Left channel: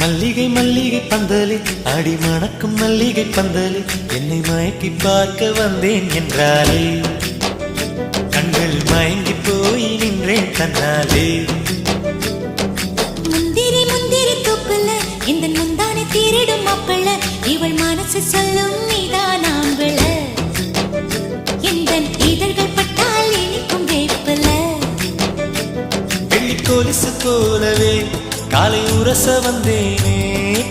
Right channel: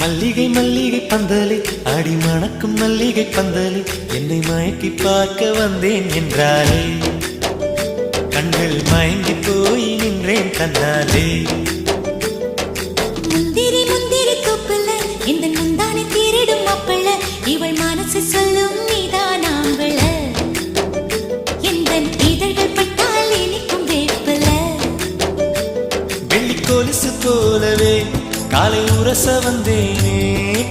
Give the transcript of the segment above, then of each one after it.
மல்லிகை மல்லிகை பந்தலே ஆடி மணக்கும் மல்லிகை பந்தலே என்னை மயக்கி பார்க்க வந்தேன் என்றாலே கண்கள் மயங்கி போய் நின்றேன் தன்னாலே. முந்திரி முந்திரி தூப்புல இந்த முந்தானை திருடும் மாப்பிள்ள இவள் மனசு சொல்லும் நீதான் ஆம்பள எந்த இதழ்கள் பட்டால் இனிக்கும் வேப்பல வெள்ளி கொலுசு போலவே காலை உரச வந்தேனே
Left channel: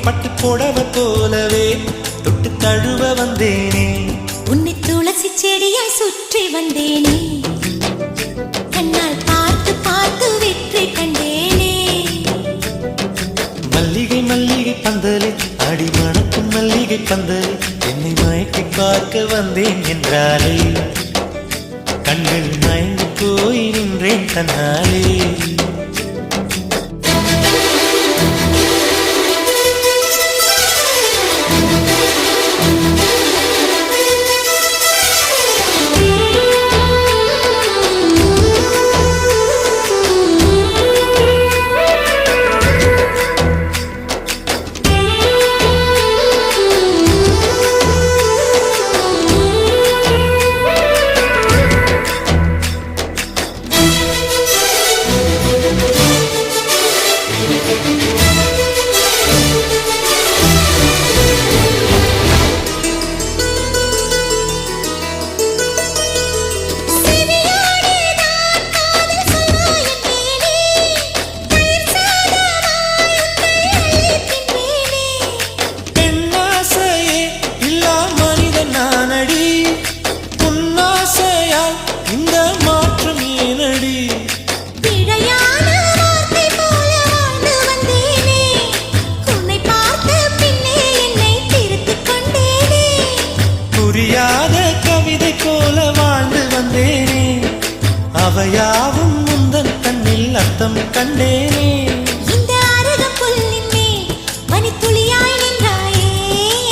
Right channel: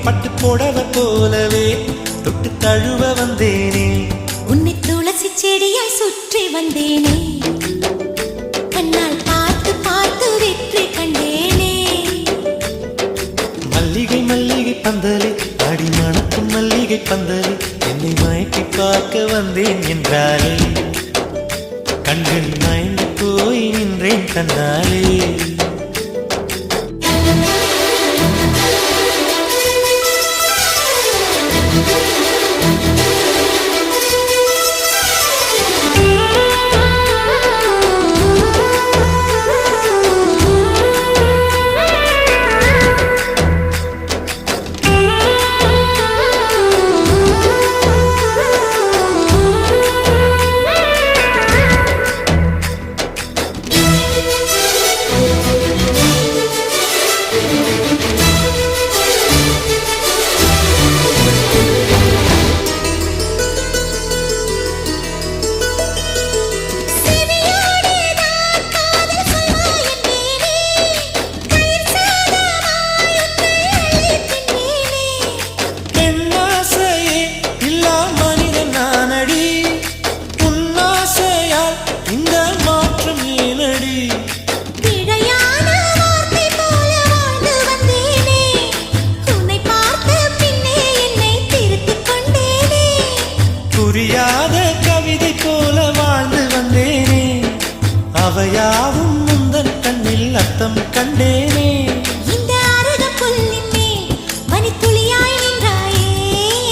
பட்டு போடவ போலவே தொட்டு தழுவ வந்தேனே உன்னை துளசி செடியாய் சுற்றி வந்தேனே கண்ணால் பார்த்து பார்த்து வெற்றி கண்டேனே. மல்லிகை மல்லிகை பந்தலே ஆடி மணக்கும் மல்லிகை பந்தலே என்னை மயக்கி பார்க்க வந்தேன் என்றாலே கண்கள் மயங்கி போய் நின்றேன் தன்னாலே. இந்த மாற்றம் ஏனடி பிழையான வார்த்தை போல வாழ்ந்து வந்தேனே உன்னை பார்த்த பின்னே என்னை திருத்திக் கொண்டேனே புரியாத கவிதை போல வாழ்ந்து வந்தேனே அவையாவும் முந்தன் கண்ணில் அர்த்தம் கண்டேனே. இந்த அருகம் புல்லின் மேல் மணித்துளியாய் நின்றாயே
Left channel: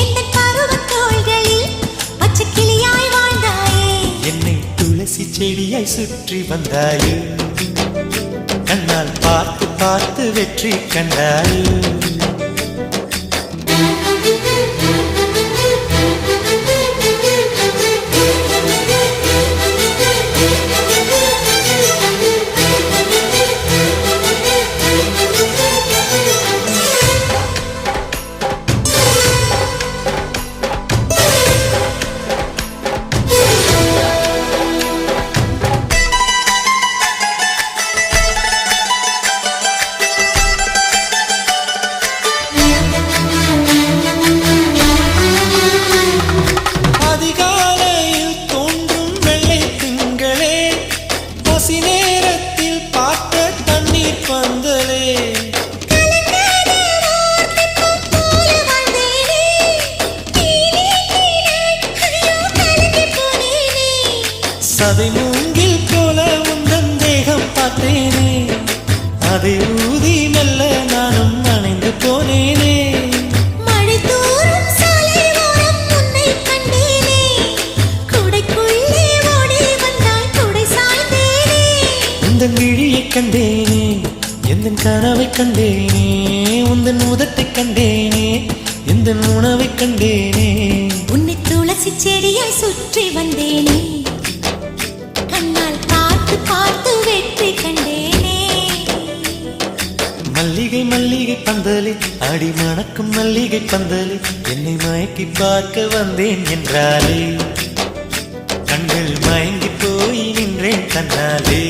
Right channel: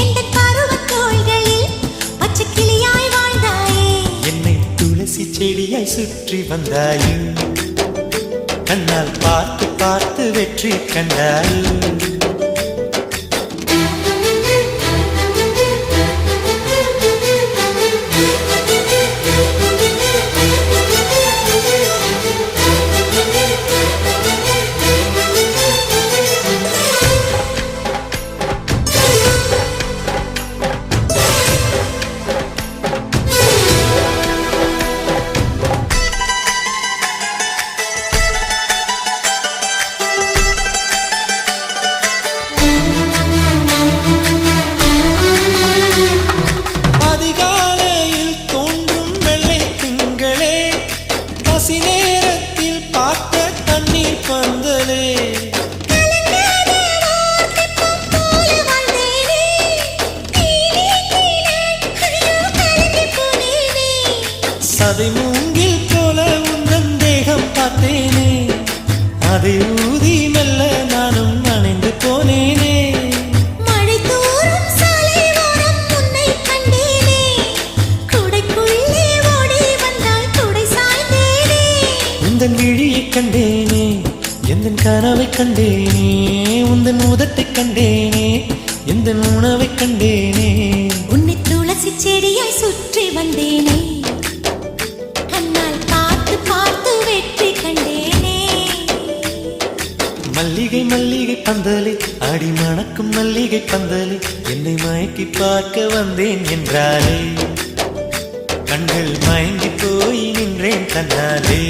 எந்த பருவத் தோள்களில் பச்சை கிளியாய் வாழ்ந்தாயே என்னை துளசி செடியாய் சுற்றி வந்தாயோ கண்ணால் பார்த்து பார்த்து வெற்றி கண்டாயோ. அதிகாலையில் தோன்றும் வெள்ளை திங்களே பசி நேரத்தில் பார்த்த தண்ணீர் பந்தலே சதை மூங்கில் போல உந்தன் தேகம் பார்த்தேனே அதை ஊதி மெல்ல நானும் அணைந்து போனேனே. மழை தூரும் சாலை ஓரம் உன்னை கண்டேனே குடைக்குள்ளே ஓடி வந்தாய் குடை சாய்ந்தேனே உந்தன் விழியை கண்டேனே எந்தன் கனவை கண்டேனே உந்தன் உதட்டை கண்டேனே எந்தன் உணவை கண்டேனே. உன்னை துளசி செடியாய் சுற்றி வந்தேனே கண்ணால் பார்த்து பார்த்து வெற்றி கண்டேனே. மல்லிகை மல்லிகை பந்தலே ஆடி மணக்கும் மல்லிகை பந்தலே என்னை மயக்கி பார்க்க வந்தேன் என்றாலே கண்கள் மயங்கி போய் நின்றேன் தன்னாலே.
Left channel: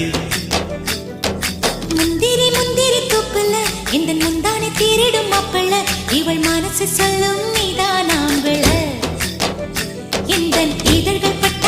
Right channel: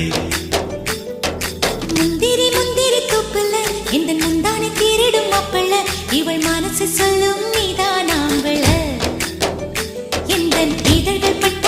முந்திரி முந்திரி தூப்புல இந்த முந்தானை திருடும் மாப்பிள்ள இவள் மனசு சொல்லும் நீதான் ஆம்பள எந்த இதழ்கள் பட்ட